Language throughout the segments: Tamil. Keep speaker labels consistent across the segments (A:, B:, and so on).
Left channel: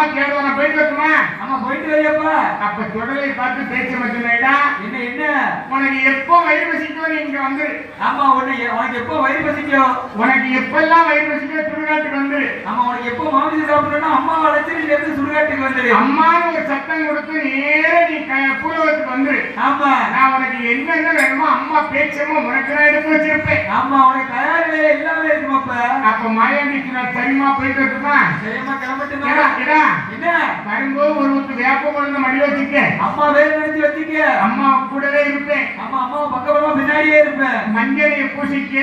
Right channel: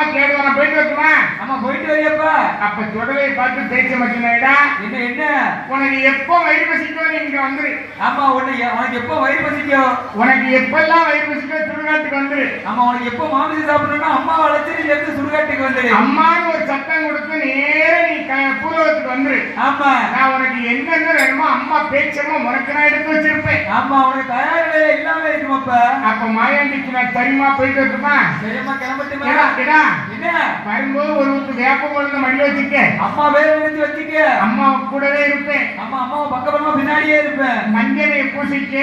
A: அம்மா கேட்டு போயிட்டு வரட்டுமா?
B: அம்மா போயிட்டு வரையப்பா
A: அப்ப தொடரை பார்த்து பேச்ச மாட்டேனா
B: என்ன என்ன?
A: உனக்கு எப்போ வயிறு பசிக்கும் நீ இங்க வந்துரு.
B: ஆமா உன்னை உனக்கு எப்போ வயிறு பசிக்கும்?
A: உனக்கு எப்பெல்லாம் வயிறு பசிக்கும் சுடுகாட்டுக்கு வந்துரு.
B: ஆமா உனக்கு எப்போ மாமிசம் சாப்பிடணும்னா அம்மா அழைச்சி நீ எடுத்து சுடுகாட்டுக்கு வந்துடு
A: அம்மான்னு ஒரு சத்தம் கொடுத்து நேர நீ பூலோகத்துக்கு வந்துரு.
B: ஆமா.
A: நான் உனக்கு என்னென்ன வேணுமோ அம்மா பேச்சமோ உனக்கு நான் எடுத்து வச்சிருப்பேன்.
B: ஆமா உனக்கு தயார் வேலை எல்லாமே இருக்குமாப்பா
A: அப்ப மாயாண்டிக்கு நான் சரிமா போயிட்டு வரட்டுமா?
B: சரிம்மா கிளம்பட்டுமா? என்ன?
A: வரும்போது ஒரு ஊத்து வேப்ப கொண்டு மடி வச்சுக்க
B: அம்மா வேலை நினைச்சு வச்சுக்க
A: அம்மா கூடவே இருப்பேன்.
B: அம்மா அம்மா பக்கபலமா பின்னாடியே இருப்பேன்.
A: மஞ்சளை பூசிக்க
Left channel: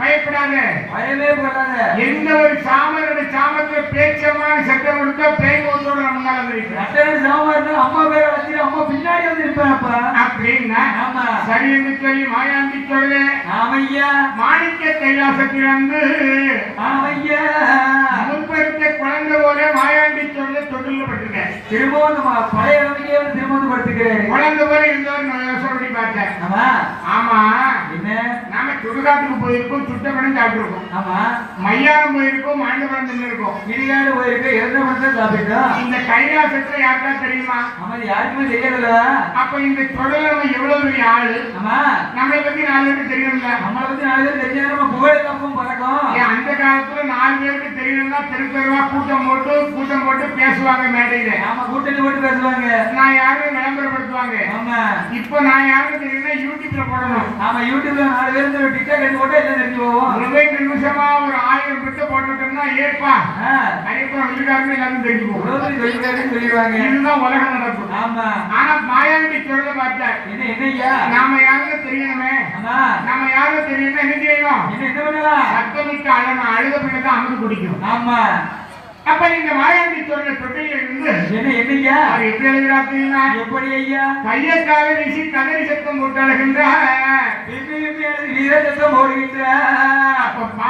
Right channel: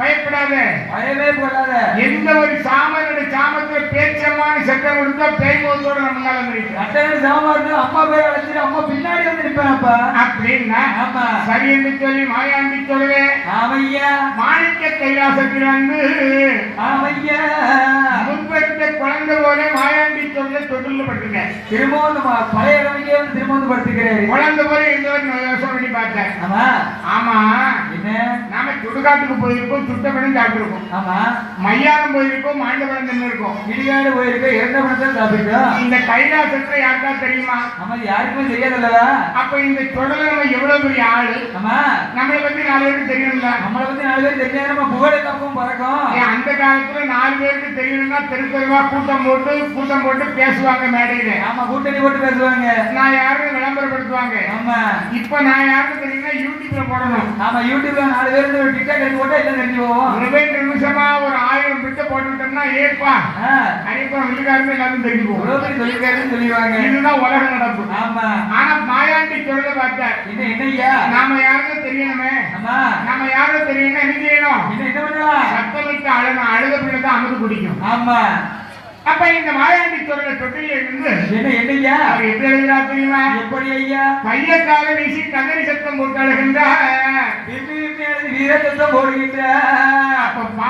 A: பயப்படாத.
B: பயமே படாத.
A: எந்த ஒரு சாமனோட சாமத்துல பேச்சமான சத்தம் கொடுத்தா பேய் போத்தோட நம்ம முன்னால வந்து
B: அட்டையோட சாமா இருந்து அம்மா பேர் அழைச்சிட்டு அம்மா பின்னாடி வந்து அப்பா.
A: அப்படின்னா
B: ஆமா.
A: சரி என்று சொல்லி மாயாண்டி சொல்லுவே.
B: ஆமையா.
A: மாணிக்க கைலாசத்தில் வந்து
B: ஆமையா.
A: முன்பெடுத்த குழந்தை போல மாயாண்டி சொல்ல தொழில் பட்டுங்க
B: திரும்பவும் நம்ம பழைய வந்து திரும்ப வந்து படுத்துக்கிறேன்.
A: குழந்தை போல நான் யோசனை பண்ணி பார்த்தேன்
B: ஆமா.
A: நாம சுடுகாட்டுக்கு போயிருக்கோம் சுத்தப்படம் சாப்பிட்டுருக்கோம்.
B: ஆமா.
A: மையாரம் போயிருக்கோம் மாண்டபுரம் தின்னு இருக்கோம்
B: இடிகாடு போயிருக்கு இறந்த பணத்தை சாப்பிட்டோம்
A: இந்த கைலாசத்தை யாருக்கா தெரியுமா?
B: ஆமா யாருக்குமே தெரியாதுல்லவா
A: அப்ப இந்த தொடர்ல நம்ம எவ்வளவு பெரிய ஆளு?
B: ஆமா.
A: நம்மளை பத்தி நாலு பேருக்கு தெரியணும்ல?
B: நம்மளை பத்தி நாலு பேர் தெரிஞ்சா நம்ம புகழ தப்பும் பறக்கும்
A: ஏன் அந்த காலத்துல நாலு பேருக்கு தெரியணும்னா தெருப்பெருவா கூட்டம் போட்டு கூட்டம் போட்டு பேசுவாங்க மேடையில.
B: ஆமா கூட்டணி போட்டு பேசுவாங்க.
A: நான் யாருன்னு விளம்பரப்படுத்துவாங்க.
B: ஆமா.
A: இப்போ நான் யாருன்னு தெரியும்னா யூடியூப்ல போடணும்.
B: ஆமா யூடியூப்ல நாலு பேர் டிக்டாக் எடுத்து போட்டா எல்லாம் தெரிஞ்சு போவோம்.
A: ஒரே நிமிஷமா ஒரு ஆயிரம் பிட்ட போட்டுட்டோம்னா ஏப்பா.
B: ஆ,
A: கண்டிப்பா உள்ளுக்காரன்னு எல்லாரும் தெரிஞ்சு
B: பேர் சொல்லிருக்காருன்னு சொல்லிடுவாங்க.
A: இதுதான் உலக நடப்பு.
B: ஆமா.
A: ஆனா மாயாண்டி சொல்றத பார்த்தேன்
B: என்ன என்னய்யா
A: நாம யாருன்னு தெரியணுமே
B: ஆமா.
A: நாம யாரும் தெரியணும்னா என்ன செய்யணும்? சத்தமிட்டு அழணும் அழுத பிள்ளை தான் அமுது குடிக்கும்.
B: ஆமா.
A: அப்ப இந்த மாயாண்டி சொல்ற தொட்டில இருந்து
B: என்ன என்னய்யா?
A: அவர் எப்படி எழுதுறா தெரியுமா?
B: எப்படி ஐயா?
A: மையக்கால வீசி தகரி சத்தம் போட்டழுகின்றார்
B: விம்மி விம்மி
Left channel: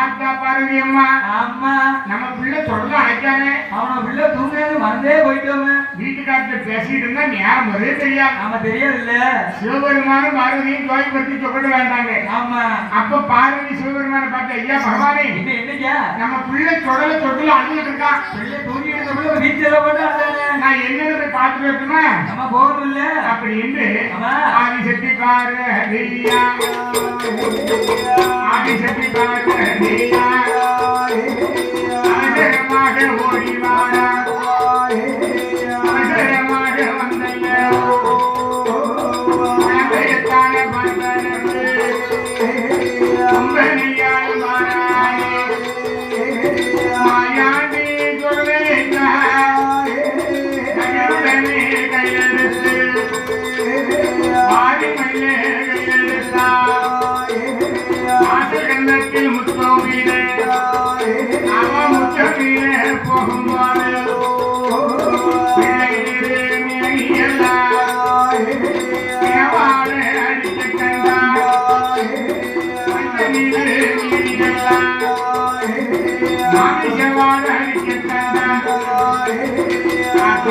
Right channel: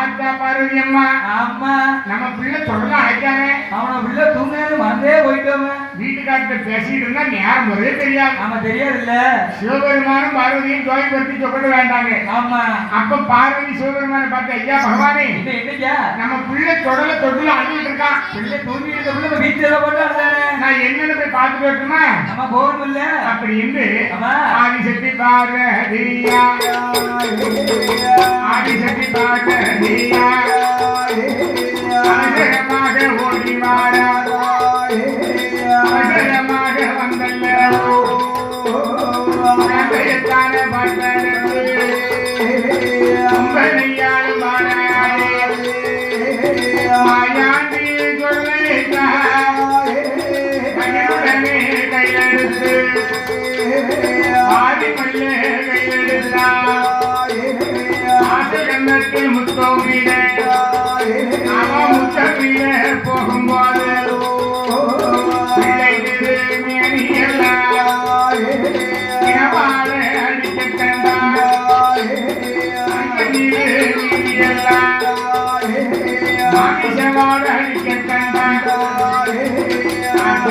A: பார்த்தா பார்வதி அம்மா.
B: ஆமா.
A: நம்ம பிள்ளை சொல்ல அழைக்கானே
B: அவன உள்ள தூங்கினது மறந்தே போயிட்டோமே.
A: வீட்டுக்காரத்தை பேசிட்டு இருந்தா நேரம் ஒரே தெரியாது.
B: நாம தெரியாதுல்ல.
A: சிவபெருமானும் பார்வதியும் கோயில் பற்றி சொல்ல வேண்டாங்க
B: ஆமா.
A: அப்ப பார்வதி சிவபெருமான பார்த்த ஐயா பகவானே
B: என்ன என்னய்யா?
A: நம்ம பிள்ளை தொடல தொட்டில அழுகிட்டு இருக்கான்
B: பிள்ளை தூங்கி இருக்க பிள்ளை வீட்டுல போட்டு அழகானே
A: நான் என்னன்னு போய் பார்த்துட்டு வரட்டுமா
B: நம்ம போகணும் இல்ல
A: அப்படி என்று
B: ஆமா.
A: ஆதிசக்தி பார்வதியா ஆதிசக்தி பார்வதியா அவசரமாக ஓடி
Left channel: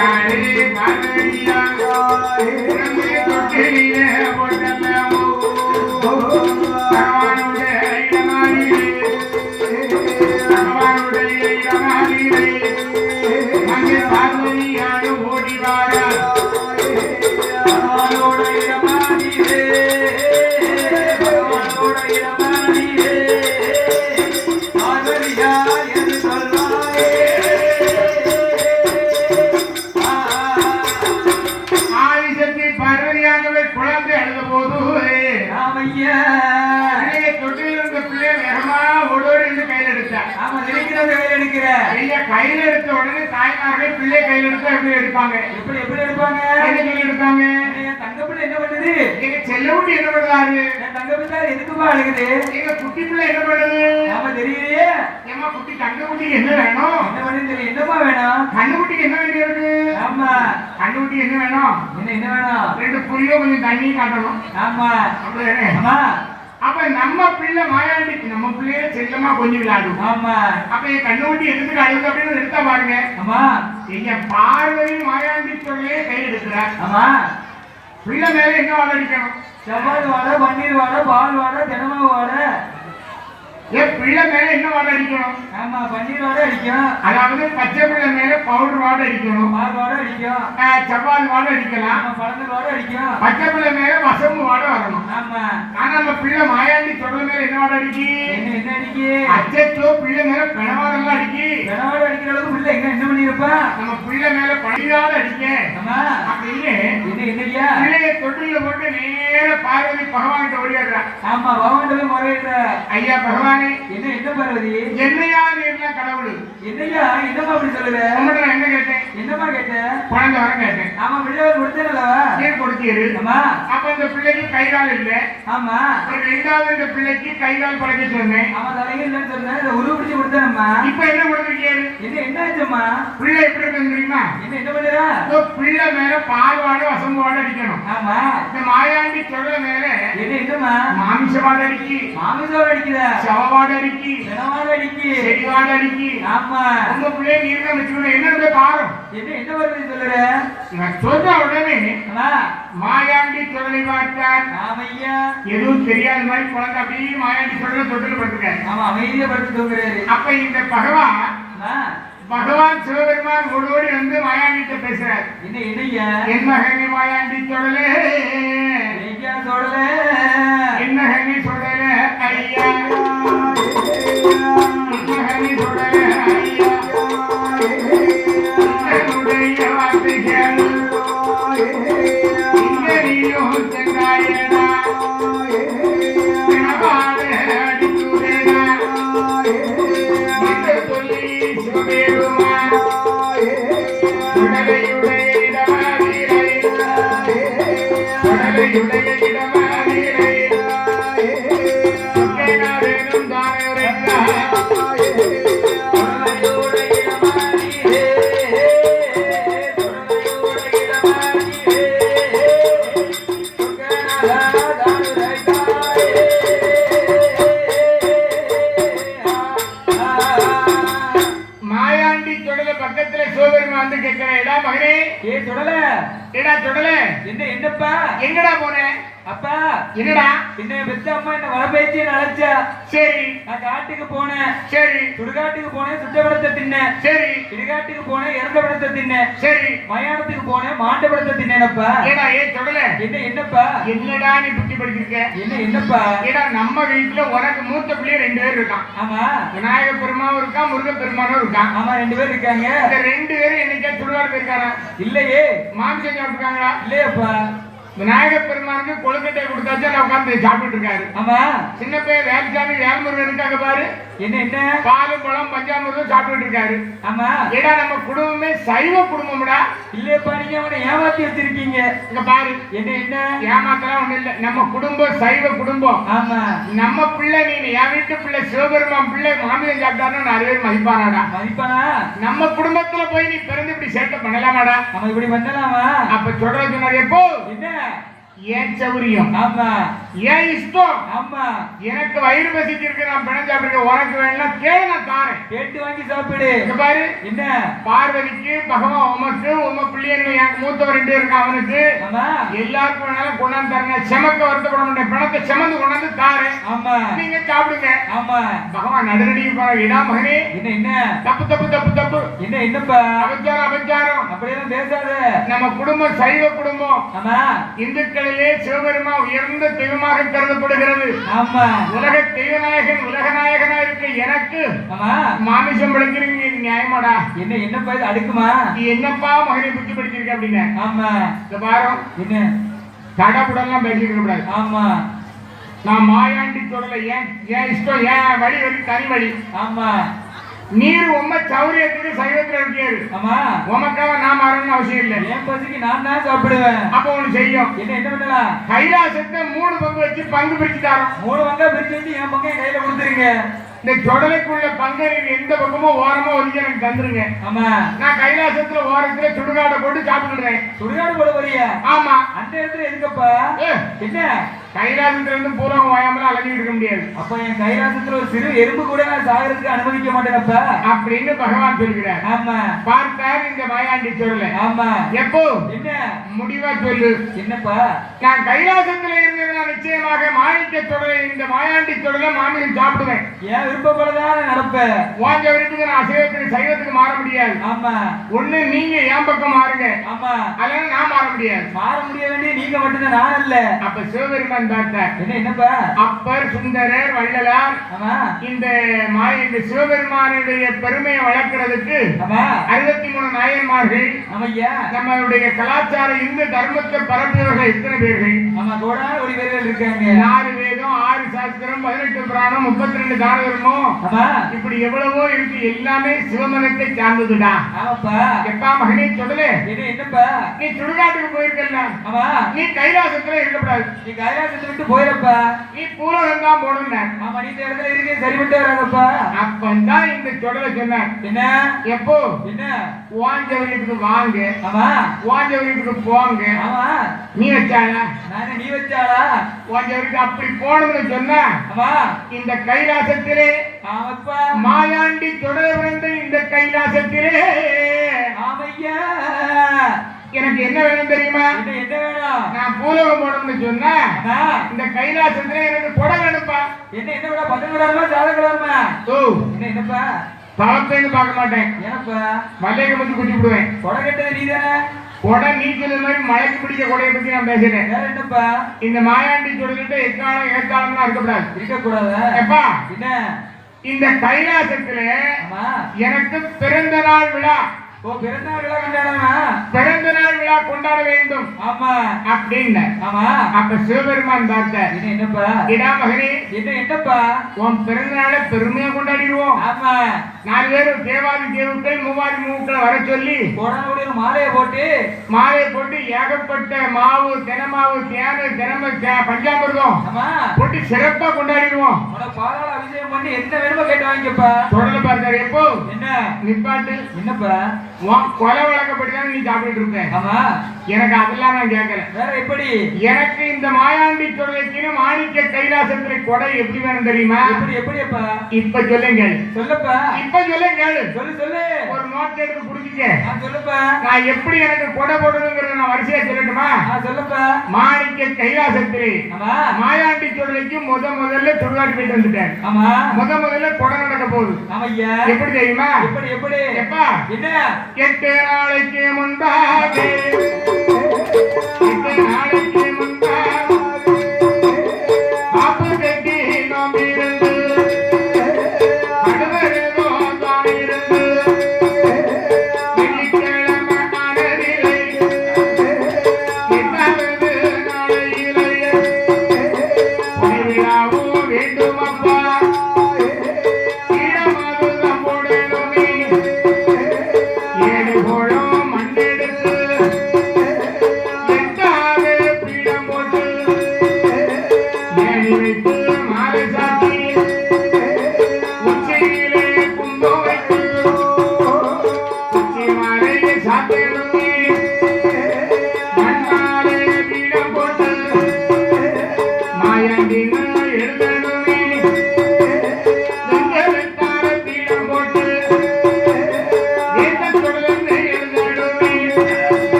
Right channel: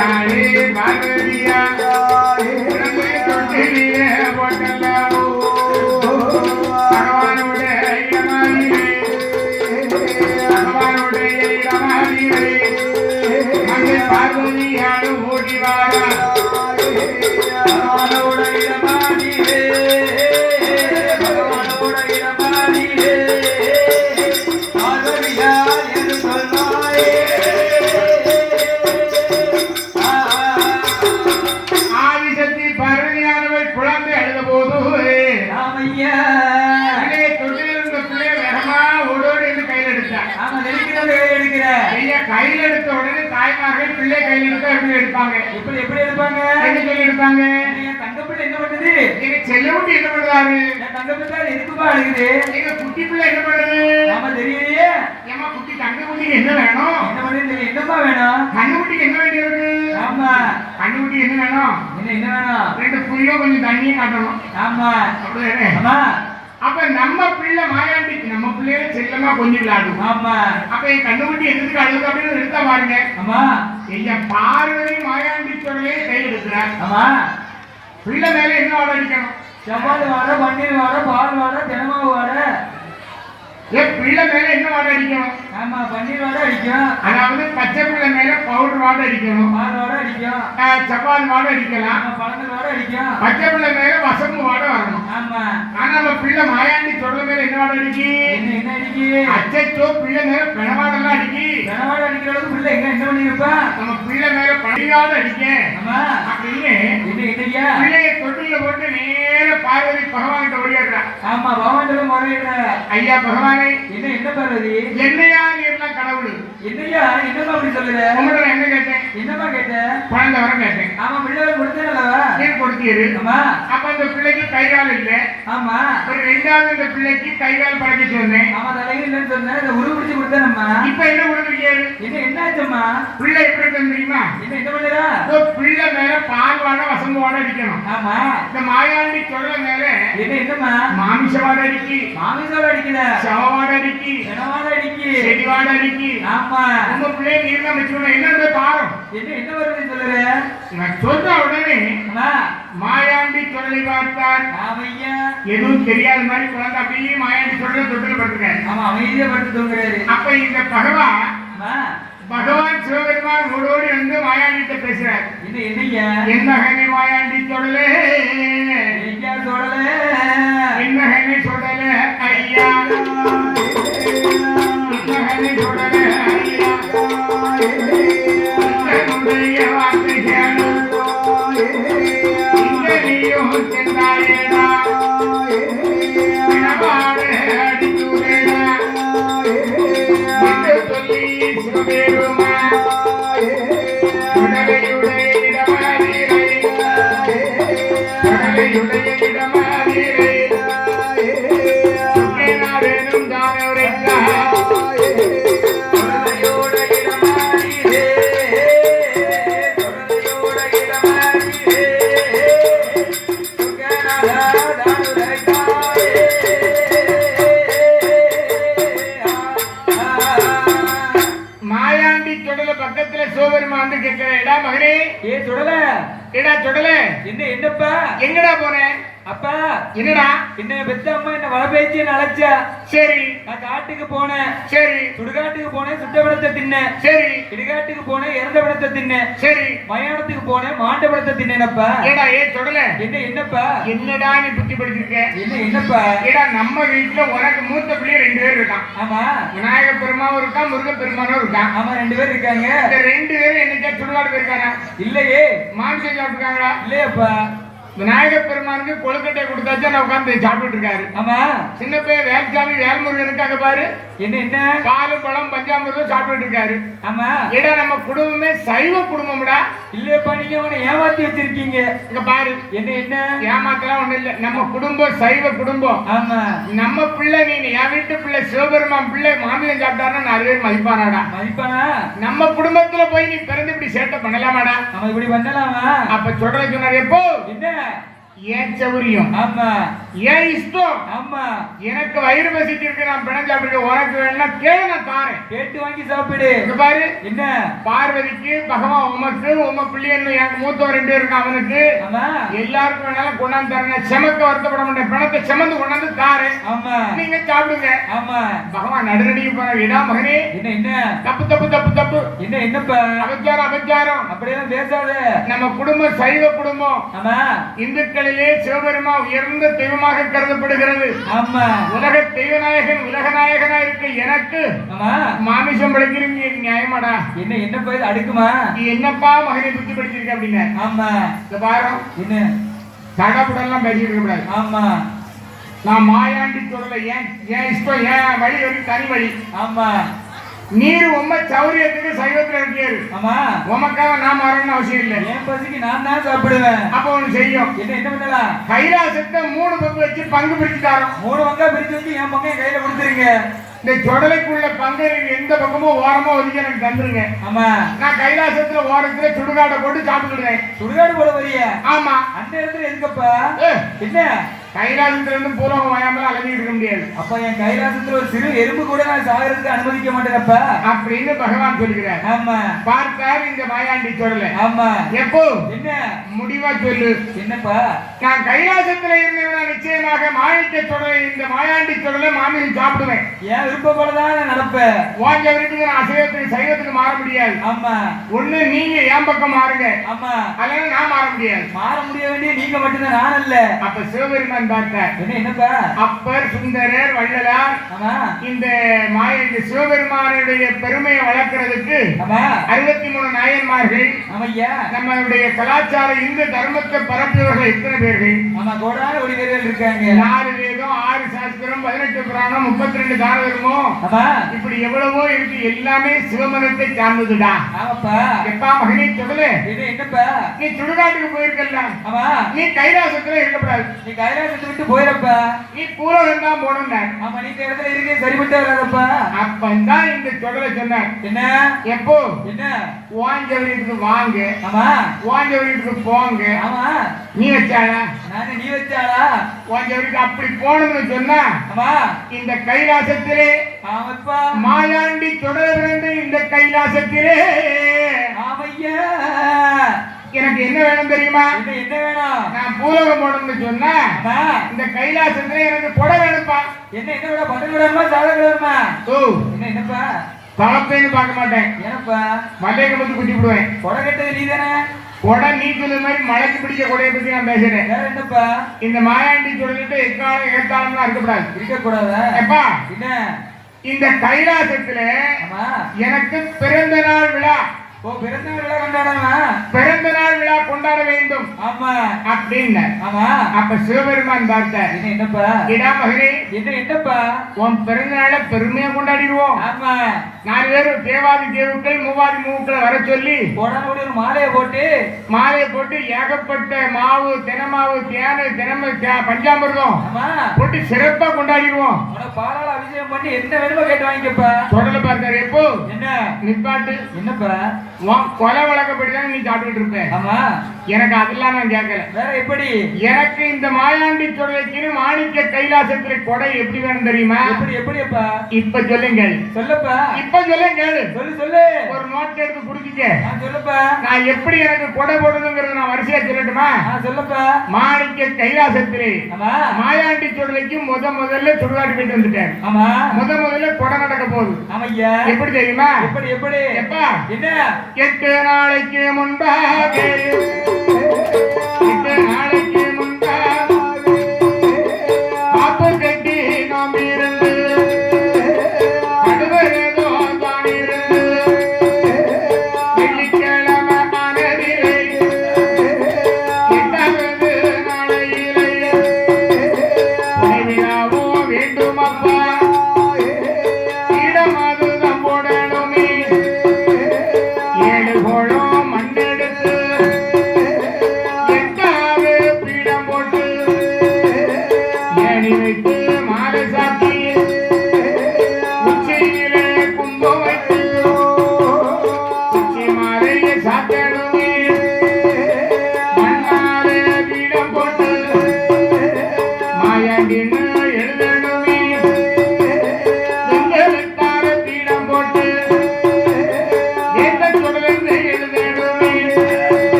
A: Friday. கையில் எடுத்த உடனே தாய்மார்கள் பிள்ளை கையில் எடுத்தா எப்படி எடுப்பாங்க?
B: எப்படி எப்படி எடுப்பாங்க?
A: என்ன கையில் எடுப்பாங்க?
B: தங்கப்பிள்ளை என்ன பண்ணுது?
A: எங்க செல்லவுட்டி என்ன
B: என் தங்கப்பிள்ளை எதுக்குமா அழுகுது?
A: எங்க குட்டி பிள்ளை என்ன பண்ணுது?
B: ஆமா தெரியலையே
A: ஏமா குட்டி தங்க குட்டிக்கு என்ன வேணும்?
B: என்ன பண்ணுது என்னப்பா வேணும்?
A: கண்ணு குட்டிக்கு என்ன வேண்டியிருக்கு
B: ஆமா.
A: கண்ணு குட்டிக்கு என்ன வேணும்?
B: என்ன என்ன வேணும்?
A: ரெண்டு புளியோ கொஞ்சம் தண்ணியும் காட்டணும்.
B: ஆமா. ஆமா.
A: அப்ப நம்ம பிள்ளை மாயாண்டிக்கு நம்ம பிள்ளைய செல்லமா கொஞ்சம் விளையாடும்.
B: ஆமா.
A: அப்ப என் கண்ணு குட்டி எதுக்கு அழுகு அப்படின்னு எடுத்தா பாருங்க.
B: ஆமா.
A: எங்க பார்வதி மாயாண்டி சொல்லே கையில் எடுக்கிறார்
B: ஆமா.
A: பிள்ளை மேல என்ன வாட அடிக்கணும்?
B: செவ்வாய் வாட பன்னீர் வாட பால் வாட தினமாவு வாட.
A: ஏன் பிள்ளை மேல என்ன வாடை அடிக்கணும்?
B: ஆமா பன்னீர் வாடை அடிக்கும்.
A: அதாவது பச்சை பிள்ளை மேல பவுடர் வாடை அடிக்கணும்.
B: பால் வாடை அடிக்கும்.
A: ஆஹ் செவ்வால் வாடை அடிக்கலாம்.
B: பழங்கள் வாடை
A: பச்சை பிள்ளை மேல வசம்பு வாடை வரணும்.
B: ஆமா.
A: ஆனா நம்ம பிள்ளை மாயாண்டி சொல்ற மேல என்ன வாடை அடிக்கி?
B: என்ன என்ன அடிக்கி?
A: அச்சோ பிள்ளை மேல பிணவாடெல்லாம் அடிக்கி.
B: கனவாடை அடிக்கிற அளவுக்கு பிள்ளை என்ன பண்ணிருப்பா
A: நம்ம பிள்ளை மேல பணியாட அடிக்க.
B: ஆமா.
A: அப்படின்னு
B: என்ன
A: பிள்ளைய தொட்டில போட்டு நேர பார்வதி பகவான் ஓடியாடுறா.
B: ஆமா பகவான்
A: ஐயா பகவானே
B: என்ன என்ன பார்வதி?
A: என்னையா நீ எல்லாம் கடவுள்.
B: என்னையா? என்னமா அப்படி சொல்லுற?
A: உங்கள்ட்ட நான் என்ன கேட்டேன்?
B: என்னமா கேட்ட
A: குழந்தை வர கேட்டேன்.
B: ஆமா பிள்ளை கொடுத்தேன்லவா
A: நீர் கொடுத்தீரு?
B: ஆமா.
A: அப்ப அந்த பிள்ளைக்கு கை கால் இல்ல.
B: ஆமா.
A: ஒரு ரெண்டாவது பிள்ளைக்கு கை கால் படைக்க சொன்னேன்.
B: ஆமா இல்லைன்னு சொன்னேன். இதை உருவ பிடிச்சு கொடுத்தேனம்மா.
A: இப்ப என்ன கொடுத்துருக்கீங்க
B: என்ன என்ன ஆச்சும்மா
A: பிள்ளை எப்படி தெரியுமா?
B: என்ன என்ன பண்ணுறா?
A: பிள்ளை மேல பால் வாட வசம்பு வாட அடிக்கணும்.
B: ஆமா.
A: இந்த மாயாண்டி சொல்ல மேல
B: என்ன என்னம்மா?
A: மாமிச வாட அடிக்கி.
B: மாமிசம் அடிக்கல
A: சவ வாட அடிக்கி
B: எனவாட அடிக்கி
A: செடி வாட அடிக்கி
B: ஆமா
A: உங்க பிள்ளைய தான் வச்சுக்கணும் என்ன
B: என்ன என்ன வருது சொல்லுற?
A: நான் சொன்ன உடனே மாயாண்டி சொல்லி பார்த்தார்.
B: ஆமையா.
A: எதுவும் தெரியாத மாதிரி குழந்தை அப்படியே மாயாண்டி சொல்ல தொட்டில் படுத்துக்காரு
B: ஆமா அமைதியா படுத்து
A: அப்ப இந்த பகவான் பகவான் சிவபெருமான் ஓடோடி வந்து மாயாண்டிட்ட பேசுறார்.
B: என்ன என்னய்யா?
A: என் மகனே மாயாண்டி சொல்லலே
B: என்ன பெத்த அம்மா என்ன வரபேச்சு அழைச்சா
A: சரி.
B: நான் காட்டுக்கு போனேன்.
A: சரி.
B: சுடுகாட்டுக்கு போனேன் சுத்தபடத்தை தின்னேன்.
A: சரி.
B: இடுகாட்டுக்கு போனேன் இறந்த படத்தை தின்னேன்.
A: சரி.
B: மயானத்துக்கு போனேன் மாண்ட படத்தை தின்னேனப்பா.
A: ஏடா ஏ சுடல.
B: என்ன என்னப்பா?
A: என்னடா நீ புத்தி படிச்சிருக்க?
B: என்ன என்னப்பா?
A: ஏடா நம்ம வீட்டுல உனக்கு மூத்த பிள்ளை ரெண்டு பேர் இருக்கான்.
B: ஆமா.
A: விநாயக பெருமாவும் இருக்கான் முருக பெருமானும் இருக்கான்.
B: ஆமா ரெண்டு பேர் இருக்காங்க.
A: இந்த ரெண்டு பேரும் என்னைக்கா சுடுகாடு போயிருக்காரா
B: இல்லையே.
A: மாமிசம் சாப்பிட்டுருக்காங்களா
B: இல்லையப்பா.
A: விநாயக பெருமானுக்கு கொழுக்கட்டை கொடுத்தாச்சா நான் உட்காந்து சாப்பிட்டு இருக்காரு.
B: ஆமா.
A: சின்ன பையன் வேல்சாமி வேல்முருகன் அங்க பாரு.
B: என்ன என்ன?
A: பாலு பழம் பஞ்சாமிர்தம் சாப்பிட்டு இருக்காரு.
B: ஆமா.
A: ஏடா நம்ம குடும்பமே சைவ குடும்பம்டா.
B: இல்லையப்பா நீங்க அவனை ஏமாத்தி வச்சிருக்கீங்க.
A: இங்க பாரு.
B: என்ன என்ன?
A: ஏமாத்தலாம் ஒண்ணு இல்ல. நம்ம குடும்பம் சைவ குடும்பம்.
B: ஆமா.
A: நம்ம பிள்ளை நீ என் வீட்டு பிள்ளை சிவபெருமான் பிள்ளை மாமியம் சாப்பிட்டாருன்னா நிறைய பேர் மதிப்பானாடா.
B: மதிப்பானா
A: நம்ம குடும்பத்துல போய் நீ பிறந்து இப்படி சேட்டை பண்ணலாமாடா?
B: அவன் இப்படி பண்ணலாமா
A: அப்ப சொல்ற சொன்னார் எப்போ?
B: என்ன?
A: Sure ஏன் சௌரியம்?
B: ஆமா.
A: ஏன் இஷ்டம்?
B: ஆமா.
A: எனக்கு வயிறு பசிச்சிருக்கு நான் பிணம் சாப்பிட்டு உனக்கு வேணா கேளு நான் தாரேன்.
B: கேட்டு வாங்கி சாப்பிடு.
A: பாரு.
B: என்ன?
A: பார்வதிக்கு பகவான் உமக்கு உம பிள்ளைன்னு எனக்கு மூத்தவன் ரெண்டு இருக்கான் அவனுக்கு. எல்லாருக்கும் வேணாலும் கொண்டாந்து தரேன் செமக்க வருத்தப்பட மாட்டேன் பிணத்தை செமந்து கொண்டாந்து தாரேன்.
B: ஆமா.
A: நீங்க சாப்பிடுங்க.
B: ஆமா.
A: பகவான் நடுநடிக்கு போனார் இடா மகனே
B: என்ன என்ன?
A: தப்பு தப்பு தப்பு தப்பு.
B: என்ன என்னப்பா?
A: அபச்சாரம் அபச்சாரம்.
B: அப்படியெல்லாம் பேசாத.
A: நம்ம குடும்பம் சைவ குடும்பம்.
B: ஆமா.
A: இந்துக்களிலே சிவபெருமா உயர்ந்த தெய்வமாக கருதப்படுகிறது.
B: ஆமா.
A: உலக தெய்வநாயகன் உலகநாயகனா இருக்க எனக்கு
B: ஆமா.
A: மாமிசம் படைக்கிறீங்க நியாயமாடா?
B: என்ன என்னப்பா இது அடுக்குமா?
A: நீ என்னப்பா மகனை புத்தி படிச்சிருக்க அப்படிங்க
B: ஆமா.
A: இந்த வாரம்
B: என்ன?
A: தடப்புடெல்லாம் பேசிட்டு கூடாது.
B: ஆமா.
A: நான் மாயாண்டி சொல்லல ஏன் ஏன் இஷ்டம்? ஏன் வழி வழி தனி வழி?
B: ஆமா.
A: நீர் உம்ம சௌரியத்துக்கு சைவத்துல இருக்காரு
B: ஆமா.
A: உமக்காக நான் மாறணும்னு அவசியம் இல்லை.
B: என் பசிக்கு நான் தான் சாப்பிடுவேன்.
A: அப்ப ஒண்ணு செய்யும்.
B: என்ன என்ன பண்ணலாம்?
A: கைலாசத்தை மூணு பங்கு வச்சு பங்கு பிரிச்சு தரோம்
B: மூணு பங்கா பிரிச்சு வச்சு என் பக்கம் என் கையில கொடுத்துருங்க.
A: இந்த சொடலைக்குள்ள பங்கு எந்த பக்கமும் ஓரமா ஒதுக்கி எனக்கு தந்துருங்க.
B: ஆமா.
A: நான் கைலாசத்துல ஓரத்துல சுடுகாட்டை போட்டு சாப்பிட்டுக்கிறேன்
B: சுடுகாடு போட வரிய
A: ஆமா.
B: அந்த இடத்துல எதுக்கப்பா? என்ன?
A: கைலாசத்துல இருந்து பூலகம் வாயாமல அலைஞ்சிட்டு இருக்க முடியாது.
B: அப்ப என் கைலாசத்துல ஒரு சிறு எறும்பு கூட நான் சாகிறதுக்கு அனுமதிக்க மாட்டேனப்பா.
A: அப்படின்னு பகவான் சொல்கிறார்.
B: ஆமா.
A: பார்த்தார் இந்த மாயாண்டி சொல்லல
B: ஆமா.
A: எப்போ?
B: என்ன?
A: முடிவா சொல்லு.
B: என்னப்பா?
A: நான் கைலாசத்துல இருந்தவனா நிச்சயமாக தொடரை இந்த மாயாண்டி தொடரை மாமியில் சாப்பிடுவேன்.
B: என் விருப்பப்படதான் நடப்பேன்
A: வாங்க நான் அசைவத்துக்கு சைவத்துக்கு மாற முடியாது.
B: ஆமா.
A: ஒண்ணு நீங்க என் பக்கம் மாறுங்க?
B: ஆமா.
A: அதனால நான் மாற முடியாது.
B: மாற முடிய வேண்டிய நீங்க மட்டும்தான் நான்
A: அப்ப சிவபெருமான் பார்த்தார்.
B: என்ன என்னப்பா?
A: அப்பர் சுந்தரர் வள்ளலார் இந்த மாய இந்த சிவபெருமானுடைய பெருமையை வளர்க்கறதுக்கு அறுபத்தி மூணு நாயன்மார்கள் நம்மளுடைய கலாச்சார இந்து தர்மத்தை பரப்பியவர்கள் எத்தனை பேர்கள்?
B: ஒரு வீரர்கள் இருக்காங்க.
A: நாலு சாஸ்திரம் பதினெட்டு புராணம் முப்பத்தி ரெண்டு
B: ஆமா
A: இப்படி எவ்வளவோ இருக்கு எல்லாமே சிவமனத்தை சார்ந்ததுடா.
B: ஆமாப்பா.
A: எப்பா மகனே தொடல நீ சுடுகாட்டுக்கு போயிருக்கல
B: ஆமா.
A: நீ கைலாசத்துல இருக்கக்கூடாது.
B: நீ கைலாசத்தை விட்டு போயிடப்பா.
A: நீ பூலகம் தான் போடணும்
B: ஆமா நீ இந்த இடத்துல இருக்கே சரிப்பட்டு வராதப்பா.
A: அப்பந்தான் இந்த தொடலை சொன்னார்.
B: என்ன?
A: எப்போ?
B: என்ன?
A: வாஞ்சவரியத்துக்கு வாங்க.
B: ஆமா.
A: வாஞ்சவரியத்துக்கு போங்க.
B: ஆமா.
A: நீ வச்சாளா?
B: நானே நீ வச்சாளா?
A: வாஞ்சவருக்கு அப்படி போனதுன்னு சொன்னா
B: ஆமா.
A: இந்த கைலாசத்திலே மாயாண்டி தொடர வேண்டும் இந்த கைலாசத்திலே. எனக்கு என்ன வேணும் தெரியுமா?
B: என்ன வேணும்?
A: நான் பூலகம் போடணும்னு சொன்னா இந்த கைலாசத்திலே எனக்கு கொடை வேணும்ப்பா
B: என்ன என்ன விட பட்டன் விடாம சாதம்
A: ஓ.
B: என்ன என்னப்பா?
A: பழப்பேன்னு பார்க்க மாட்டேன்.
B: ஏனப்பா
A: மல்லிகை முத்தி குத்தி விடுவேன்.
B: கொடை கட்டது நீ தானே
A: கொடை நீ மாதிரி மழைக்கு பிடிக்க கொடையை பத்தி நான் பேசுறேன்.
B: வேற என்னப்பா?
A: இந்த மாயாண்டி சொல்லிட்டு எக்காலம் ஏற்காலம்லாம் இருக்கக்கூடாது.
B: இருக்க கூடாதா
A: எப்பா?
B: என்ன?
A: இந்த கைலாசத்துல எனக்கு பிறந்த நாள் விழா.
B: ஓ பிறந்த நாள் விழா கொண்டாடமா
A: பிறந்த நாள் விழா கொண்டாட வேண்டும்.
B: ஆமா.
A: அப்படின்னு.
B: ஆமா.
A: அப்ப சிவபெருமான் பார்த்தார்.
B: என்ன என்னப்பா?
A: இடா மகனே
B: என்ன என்னப்பா?
A: உன் பிறந்த நாளை பெருமையா கொண்டாடிடுவோம்.
B: ஆமா.
A: நாலு பேரும் தேவாதி தேவுக்கள் மூவாதி மூக்களை வர சொல்லி
B: கோடானோட ஒரு மாலையை போட்டு
A: மாலை போட்டு ஏகப்பட்ட மாவு தினமாவு தேனை தினம பஞ்சாமிர்தம் போட்டு சிறப்பா கொண்டாடிடுவோம்.
B: பாலால அபிஷேகம் பண்ணி என்ன வேணுமோ கேட்டு வாங்கிக்கப்பா.
A: தொடர்ந்து பார்த்தாரு எப்போ?
B: என்ன?
A: நிப்பாட்டு.
B: என்னப்பா?
A: கொலை வழக்கப்படி தானே நீ சாப்பிட்டுட்டு இருப்ப.
B: ஆமா.
A: எனக்கு அதெல்லாம் நான் கேட்கல
B: வேற எப்படி?
A: எனக்கு இந்த மாயாண்டி தொடர்ச்சின்னு மாணிக்க கைலாசத்துல கொடை எப்படி வேணும் தெரியுமா?
B: எப்படி எப்படியப்பா?
A: இப்ப சொல்லுங்கள்.
B: சொல்லப்பா.
A: இப்ப சொல்லுங்கள்
B: சொல்லு சொல்லு.
A: ஒரு நோட் எடுத்து புடிச்சிக்க.
B: நான் சொல்லப்பா.
A: நான் எப்படி எனக்கு கொடை போடணுங்கிறத நான் வரிசையா சொல்லட்டுமா?
B: சொல்லப்பா.
A: மாணிக்க கைலாசத்திலே மாயாண்டி தொடர்ச்சிக்கு முத முதல்ல சுடுகாட்டு போயிட்டு வந்துட்டேன்.
B: ஆமா.
A: முத முதல்ல கொடை நடக்க போகுது.
B: ஆமையா.
A: எப்படி தெரியுமா?
B: எப்படி எப்படி?
A: எப்பா?
B: என்ன?
A: எட்டு நாளைக்கு முன்பாக எட்டு நாளைக்கு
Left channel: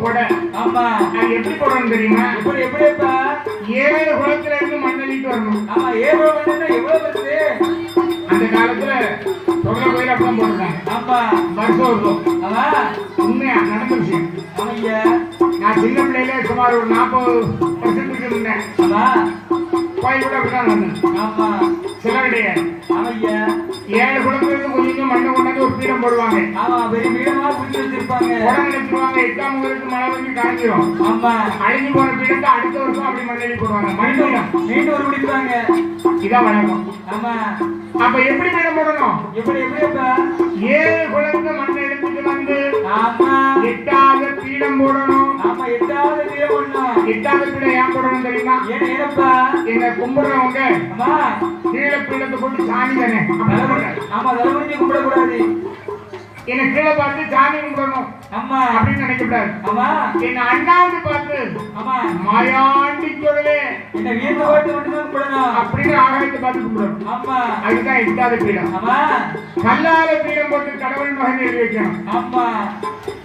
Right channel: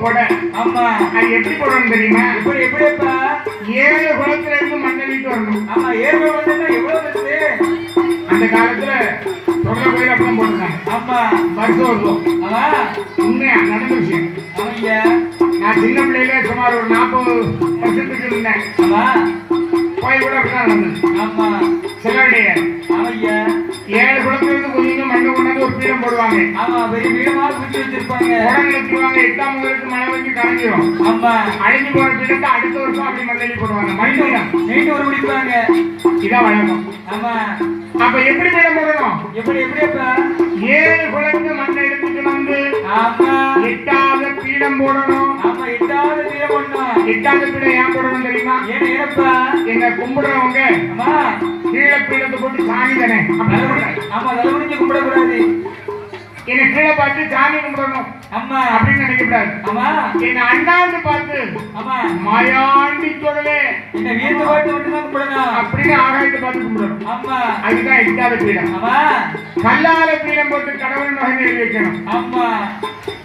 A: கொடை
B: ஆமா.
A: அது எப்படி போடணும் தெரியுமா?
B: எப்படி எப்படியப்பா
A: ஏழு குளத்துல இருந்து மண்ணளிட்டு வரணும்
B: ஆமா ஏழு வந்து எவ்வளவு பெருசு
A: அந்த காலத்துல தொடர் கோயில் அப்படிதான் போட்டுருக்காங்க
B: ஆமா.
A: வருஷம் வருஷம்
B: ஆமா.
A: உண்மையா? நடந்த விஷயம்
B: ஆமையா
A: நான் சின்ன பிள்ளையில சுமார் ஒரு நாற்பது வருஷத்துக்கு இருந்தேன்.
B: ஆமா.
A: கோயில் கூட அப்படிதான் நடந்தது
B: ஆமா
A: சிலருடைய
B: ஆமையா
A: ஏழு குளத்துல இருந்து கொஞ்சம் மண்ணை கொண்டாந்து ஒரு பீடம் போடுவாங்க
B: ஆமா பெரிய பீடமா குடிச்சு வச்சிருப்பாங்க
A: உடம்பு வச்சிருவாங்க எட்டாம் முதலுக்கு மழை வந்து கரைஞ்சிரும்
B: ஆமா
A: அழிஞ்சு பீடத்தை அடுத்த வருஷம் அப்படி மண்ணெளி போடுவாங்க மணி பீடம்
B: மீண்டும் ஒரு குடிப்பாங்க
A: இதான் வழக்கம்
B: ஆமா
A: அப்ப எப்படி பீடம் போடணும்
B: எப்படி எப்படிப்பா
A: ஏழு குளத்து மண்ணை எடுத்துட்டு வந்து
B: ஆமா.
A: எட்டாவது பீடம் போடணும்.
B: ஆமா எட்டாவது
A: எட்டாவது பீடம் ஏன் போடணும் தெரியுமா?
B: ஏன் ஏனப்பா
A: எங்க கும்பிடுறவங்க. கீழே பீடத்தை போட்டு சாமி தானே.
B: ஆமா தலைமுடிஞ்சு கும்பிடக்கூடாது.
A: என்னை கீழே பார்த்து சாமி கும்பிடணும்.
B: ஆமா
A: அப்படின்னு நினைக்கக்கூடாது.
B: ஆமா
A: என்ன அண்ணாந்து பார்த்து
B: ஆமா
A: மாயாண்டி சொல்லலே
B: என்ன வியந்து பாட்டு மட்டும் தான் கும்பிடணும்.
A: அப்படின்னு ஆகாயத்தை பார்த்து கும்பிடணும்.
B: ஆமா
A: அதுதான் எட்டாவது பீடம்.
B: ஆமா
A: கல்லால பீடம் போட்டு கடவுள் மகன் எழுதி வைக்கணும்.
B: ஆமா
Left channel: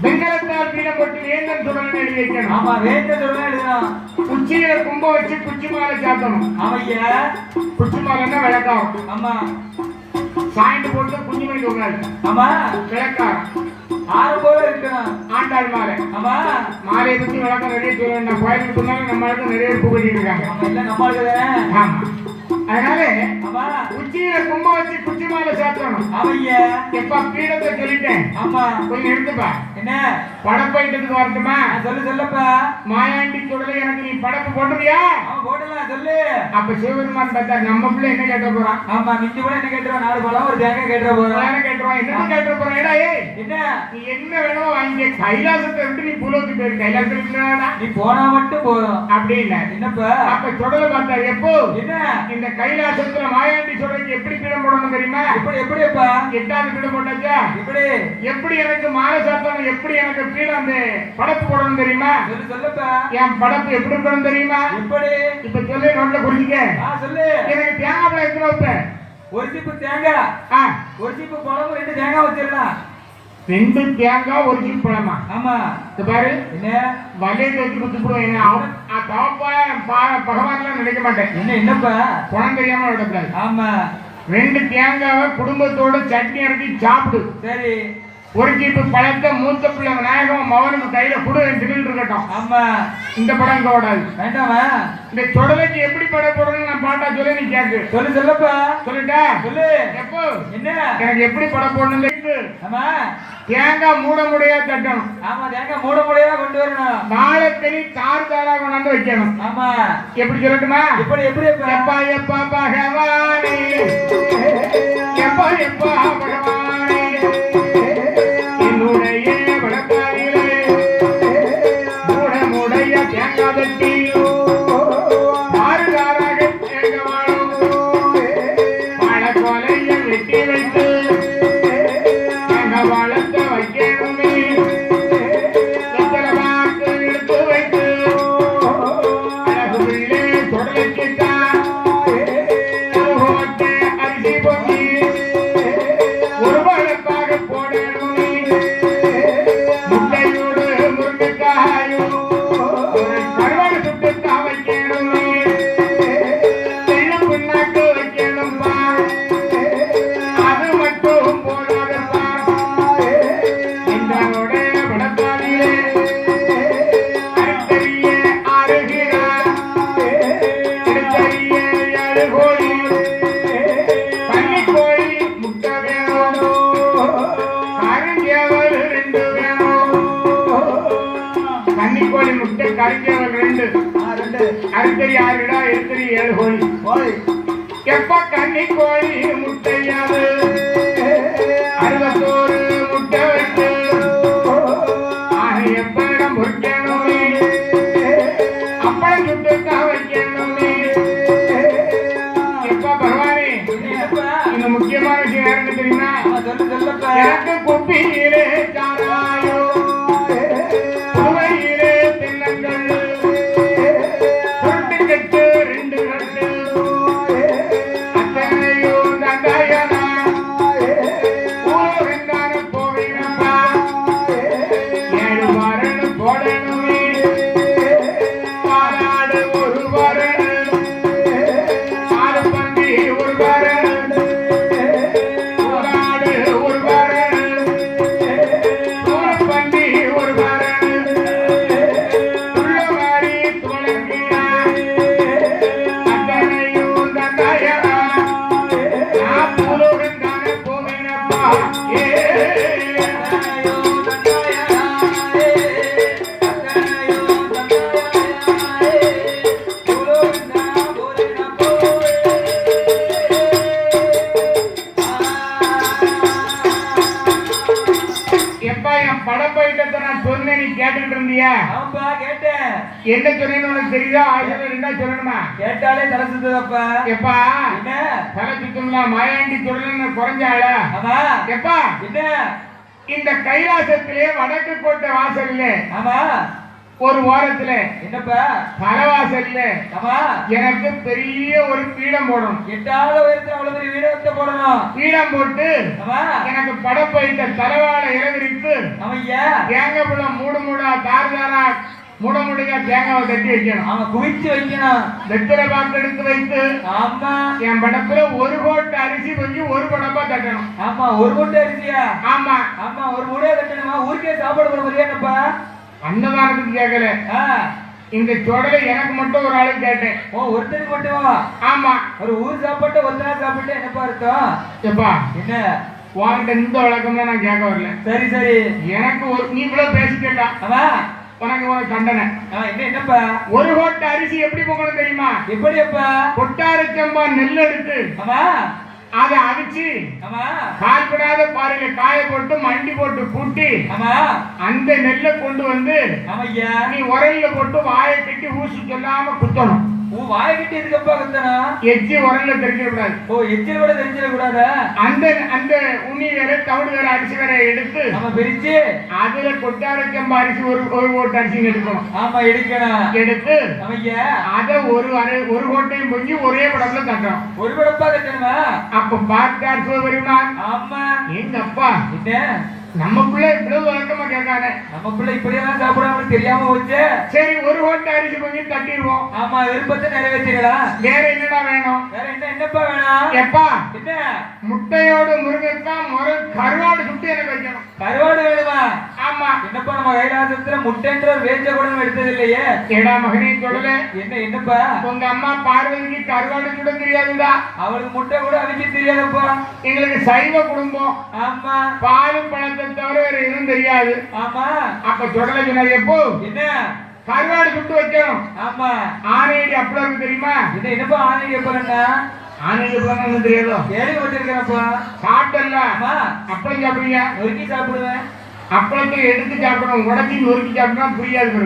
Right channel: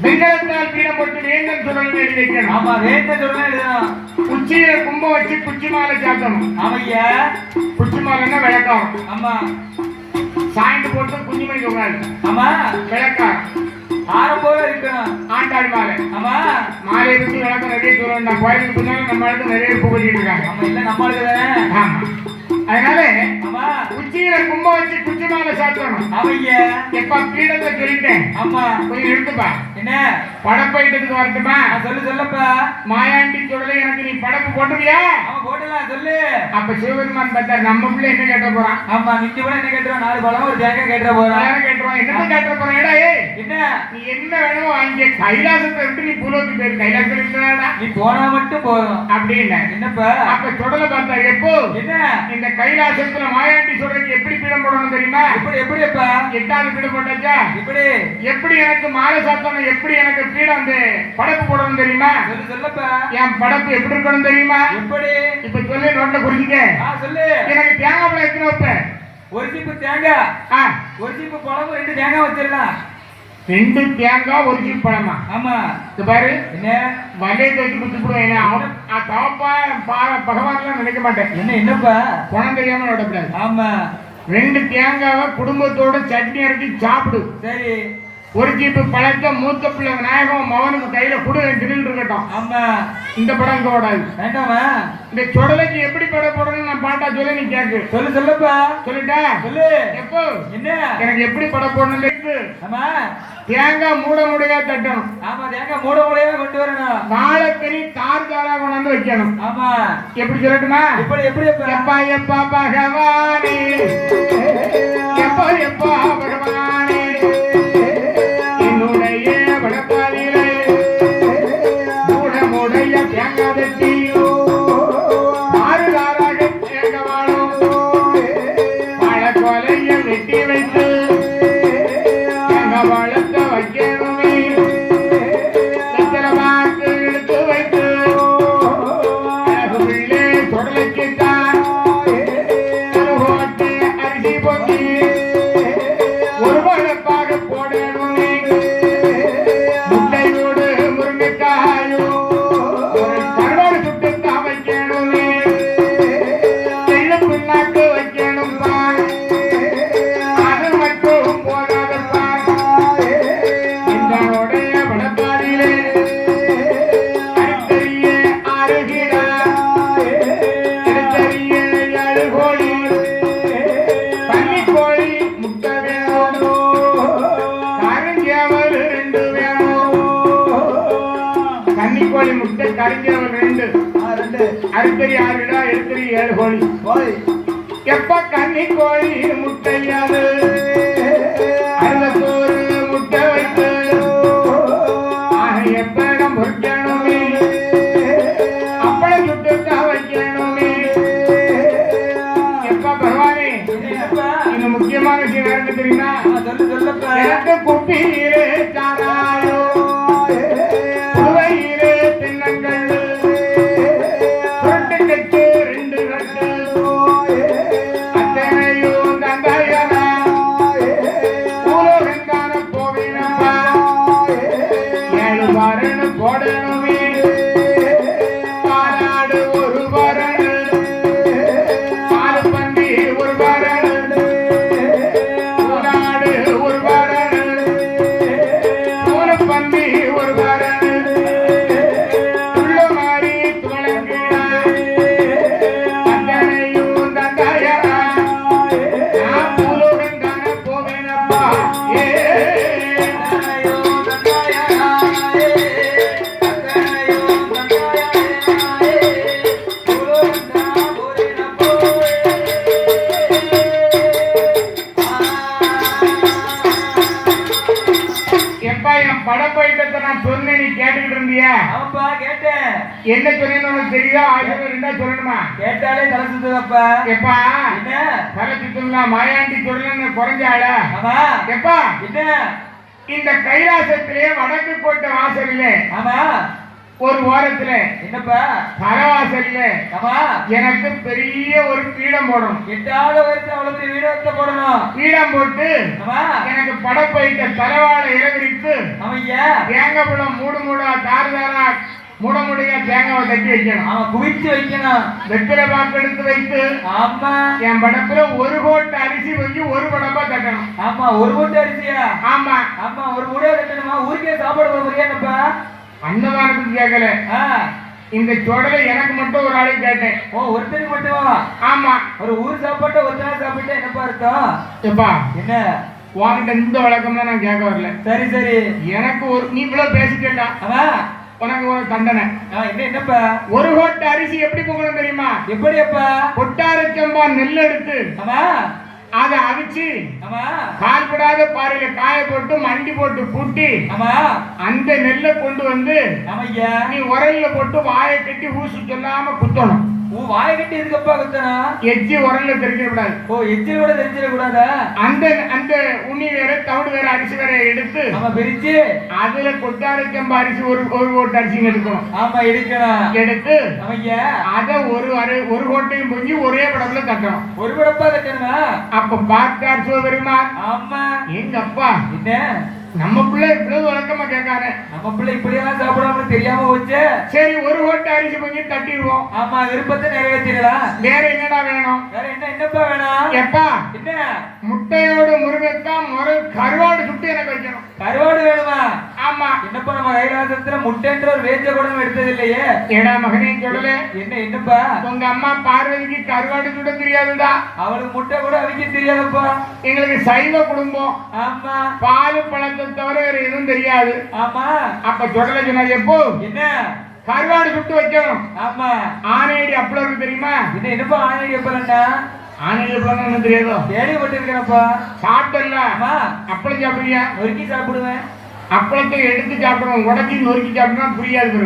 A: வெங்கலத்தால் பீடம் போட்டு வேந்தன் சுடல் எழுதி வைக்கணும்.
B: ஆமா வேந்த சொல்லுங்க எழுதணும்.
A: குச்சியில கும்ப வச்சு குச்சி மாலை சாத்தணும்.
B: ஆமையா.
A: குச்சி மாலைன்னா விளக்காம்
B: ஆமா
A: சாய்ந்து போட்டு குஞ்சு மணி தூங்காது
B: ஆமா.
A: விளக்காம்
B: ஆரம் போல இருக்கணும்.
A: ஆண்டாள் மாலை.
B: ஆமா.
A: மாலையை பத்தி விளக்கம் நிறைய தூரம் நான் கோயிலுக்கு போனாலும் நம்ம ஆளுக்கு நிறைய பூ கட்டிட்டு இருக்காங்க.
B: ஆமா இல்ல நம்மளுக்கு தானே.
A: ஆமா. அதனால
B: ஆமா.
A: குச்சியில கும்ப வச்சு குச்சி மாலை சாத்தணும்
B: ஆமையா
A: எப்ப பீடத்தை சொல்லிட்டேன்.
B: ஆமா.
A: கொஞ்சம் எடுத்துப்பா
B: என்ன?
A: படப்பைட்டத்துக்கு வரட்டுமா?
B: நான் சொல்லு சொல்லப்பா.
A: மாயாண்டி சொல்லலை எனக்கு நீ படப்பு போட்டுவியா
B: அவன் போடலாம் சொல்லு.
A: அப்ப சிவபெருமான் பார்த்தா நம்ம பிள்ளை என்ன கேட்ட போறான்?
B: ஆமா மிஞ்சி கூட என்ன கேட்டுருவோம் நாலு பழம் ஒரு தேங்காய் கேட்டுற போறோம்
A: யாரும் என்ன கேட்ட ஏடா ஏய்.
B: என்ன?
A: நீ என்ன வேணும் வாங்கி கைலாசத்தை விட்டு நீ பூலோக்கு போயிரு. கைலாசம் இருக்குதாடா
B: நீ போனா மட்டும் போதும்.
A: அப்படின்னா
B: என்னப்பா?
A: அப்ப சுடலை பார்த்தாரு. எப்போ?
B: என்ன?
A: இந்த கைலாசத்துல மாயாண்டி சொல்றதுக்கு எப்படி பீடம் போடணும் தெரியுமா?
B: இப்படி எப்படிப்பா
A: எட்டாவது பீடம் போட்டாச்சா?
B: இப்படி.
A: எப்படி எனக்கு மாலை சாத்தணும்? எப்படி எனக்கு பீடம் வந்து படப்பு போடணும் தெரியுமா?
B: சொல்லு சொல்லப்பா.
A: என் படப்பு எப்படி இருக்கணும் தெரியுமா?
B: எப்படி
A: இப்ப சொல்லி நோட்ட குறிஞ்சிக்க
B: சொல்லு.
A: எனக்கு தேங்காய் பழம் எத்தனை வைப்பேன்
B: ஒரு சீப்பு தேங்காய். ஒரு சீப்பு பழம் ரெண்டு தேங்காய் வச்சிடலாம்.
A: ரெண்டு தேங்காய் ஒரு சீப் பழமா?
B: ஆமா.
A: இது பாரு.
B: என்ன?
A: வலையை தூக்கி குத்துப்படுவேன் தவப்பா பகவான்லாம் நினைக்க மாட்டேன்.
B: என்ன என்னப்பா?
A: குணம் தெரியாம விடக்கூடாது
B: ஆமா.
A: ரெண்டு தேங்காவை குடும்பத்தோட சட்னி அரைச்சி சாப்பிடு.
B: சரி.
A: ஒரு சீப்பு பழத்தை மூத்த பிள்ளை விநாயகம் மவனுக்கு கையில கொடு திடீர்னு இருக்கட்டும்.
B: ஆமா.
A: இந்த படம் இங்க ஓடாது.
B: வேண்டாமா?
A: இந்த சுடலைக்கு எப்படி பட போடணும்னு நான் பாட்டா சொல்லி நீ கேக்கு.
B: சொல்லு சொல்லப்பா.
A: சொல்லிட்டா?
B: சொல்லு.
A: எப்போ?
B: என்ன?
A: எனக்கு எப்படி பட போடணும்.
B: ஆமா.
A: தேங்காய் மூட முடியா தட்டணும்
B: ஆமா தேங்காய் மூட மூடையவா கொண்டு வரணும்.
A: வாழைத்தனி தார் தாரா கொண்டாந்து வைக்கணும்.
B: ஆமா.
A: எப்படி சொல்லட்டுமா?
B: எப்படி எப்படி?
A: எப்பா எப்பா பகவானே. எப்பா எப்பா பகவானே.
B: கேட்டாலே தலை சுத்துதப்பா
A: எப்பா?
B: என்ன?
A: தலை சுத்தம்லாம் மாயாண்டி சொல்லணும்னு குறைஞ்சாள?
B: ஆமா.
A: எப்பா?
B: என்ன?
A: இந்த கைலாசத்திலே வடக்கு கோட்டை வாசல்ல
B: ஆமா.
A: ஒரு ஓரத்துல
B: என்னப்பா?
A: தலைவாசல்ல
B: ஆமா.
A: எனக்கு பெரிய ஒரு பீடம் போடணும்.
B: எட்டாவது உயரத்துல அவ்வளவு பெரிய வீடு போடணும்?
A: பீடம் போட்டு
B: ஆமா.
A: எனக்கு படப்பைத்த தலைவாழை இறவிரித்து
B: அவய்யா
A: தேங்காய் பழம் மூடு மூடா தாறு தாரா மூட முடியா தேங்காவை தட்டி வைக்கணும்.
B: அவன் குவிச்சு வைக்கணும்.
A: வெற்றிலை பாக்கு எடுத்து வைத்து
B: ஆமா.
A: என் படத்துல ஒரு கோட்டை அரிசி வச்சு ஒரு படப்பா தட்டணும்.
B: ஆமா ஒரு மூட்டை அரிசியா?
A: ஆமா.
B: ஆமா ஒரு மூடையா கட்டணுமா ஊருக்கே சாப்பாடு போட முடியாதுப்பா
A: அன்னதானத்துக்கு கேட்கல. இந்த சொடலை எனக்கு மட்டும் ஒரு ஆளுக்கு கேட்டேன்.
B: ஓ ஒருத்தருக்கு மட்டும்?
A: ஆமா.
B: ஒரு ஊர் சாப்பாட்டை ஒருத்தரா சாப்பிட்டு என்னப்பா இருக்கும்
A: எப்பா?
B: என்ன?
A: உன்கிட்ட இந்த வழக்கம்லாம் நான் கேட்க வரல.
B: சரி சரி.
A: எனக்கு ஒரு நீ இவ்வளவு பேசிட்டா
B: அவன்
A: உனக்கு ஒரு தண்டனை
B: என்னப்பா?
A: ஒரு கோட்டை அரிசி எப்படி பொங்கணும் தெரியுமா?
B: எப்படியப்பா?
A: கொட்டாரச்சம்பா நெல் எடுத்து அதை அவிச்சு
B: அவன்
A: கால்படாத பாறையில காய போட்டு மண்டி போட்டு கூட்டி அந்த நெல்லை கொண்டு வந்து நீ உரல்ல போட்டு வாயை கட்டி ஊசி சொல்லாம குத்தணும்.
B: உன் வாய கட்டி இருக்கப்பா குத்தனா
A: எச்சி உரல்ல தெரிஞ்சிட கூடாது
B: ஓ எச்சில் கூட தெரிஞ்சிட கூடாதா
A: அந்த அந்த உண்ணி வேற தவிடு வேற அரிசி வேற எடுத்து
B: நம்ம பிரிச்சு
A: அதுல கொட்டாரச்சம்பா அரிசி ஒரு ஒரு கோட்டை அரிசி எடுக்கணும்
B: ஆமா எடுக்கணும்
A: எடுத்து
B: அவய்யா
A: அதை ஒரு அரை ஒரு கோட்டையும் பொங்கி ஒரே படத்துல தட்டணும்.
B: ஒரு படப்பா கட்டணுமா
A: அப்ப பார்த்தார் சிவபெருமான்
B: ஆமா.
A: எங்க அப்பா
B: என்ன?
A: நம்ம பிள்ளை இவ்வளவு வழக்கமா கேட்காரு
B: நம்ம பிள்ளை இப்படியெல்லாம் சாப்பிடாம தெரியாம வச்சு
A: சரி ஒரு கோட்டை அரிசி பொங்கி தட்டிடுவோம்.
B: ஆமா விருப்பத்தை நிறைவேற்றிடலாம்.
A: வேற என்னடா வேணும்?
B: வேற என்ன என்னப்பா வேணும்?
A: எப்பா?
B: என்ன?
A: முட்டையோடு முருங்கைக்காய் முரு கருவாடு சுட்டு எனக்கு வைக்கணும்.
B: கருவாடு வேணுமா?
A: ஆமா.
B: என்னப்பா நம்ம கைலாசத்துல முட்டைன்ற ஒரு வேச்ச கூட எடுத்தது இல்லையே?
A: ஏடா மகனே சொல்லல
B: என்ன என்னப்பா?
A: உங்க அம்மா பார்வதிக்கு கருவாடு சுட தெரியாதுடா.
B: அவளுக்கு முட்டை கூட அவிக்க தெரியாதப்பா.
A: எங்களுக்கு சைவ குடும்பம்.
B: ஆமா.
A: பால் பழத்தை தவிர வேற எதுவும் தெரியாது.
B: ஆமா.
A: அப்ப சொல்லல சொன்னாரு எப்போ?
B: என்ன?
A: கருவாடு சுட்டு வைக்கணும்.
B: ஆமா.
A: ஆனையடி அப்பளம் தெரியுமா?
B: என்ன என்னப்பா ஆணையடி எப்பலன்னா
A: அப்பளம் என்ன தெரியாதோ?
B: கேள்விப்பட்டிருக்கிறப்பா
A: சாப்பிட்டல்ல.
B: ஆமா
A: அப்பளம் சாப்பிடுறியா?
B: நொறுக்கி சாப்பிடுவேன்.
A: அப்பளத்தை எடுத்து சாப்பிடணும். உடச்சி நொறுக்கி சாப்பிட்டா புரியாது.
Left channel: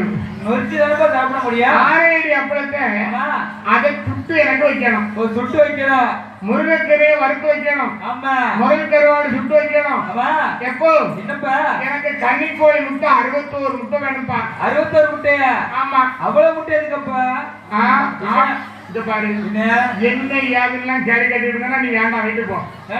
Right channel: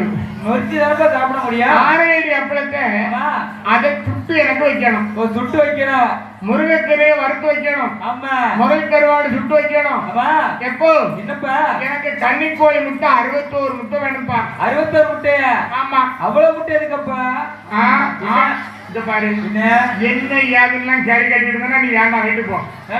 B: நொறுக்கி தானப்பா சாப்பிட முடியும்.
A: ஆனையடி அப்பளத்தை அதை சுட்டு எனக்கு வைக்கணும்.
B: ஓ சுட்டு வைக்கணும்.
A: முருங்கைக்கரையை வறுத்து வைக்கணும்.
B: ஆமா.
A: முதல் கருவாடு சுட்டு வைக்கணும். எப்போ?
B: என்னப்பா?
A: எனக்கு கன்னிக்கோழி முட்டை அறுபத்தோரு முட்டை வேணும்ப்பா.
B: அறுபத்தோரு முட்டையா?
A: ஆமா.
B: அவ்வளவு முட்டை இருக்குப்பா
A: பாரு.
B: என்ன
A: என்ன யாருலாம் கேரி கட்டிட்டு இருந்தா நீ வேண்டாம் வீட்டு போ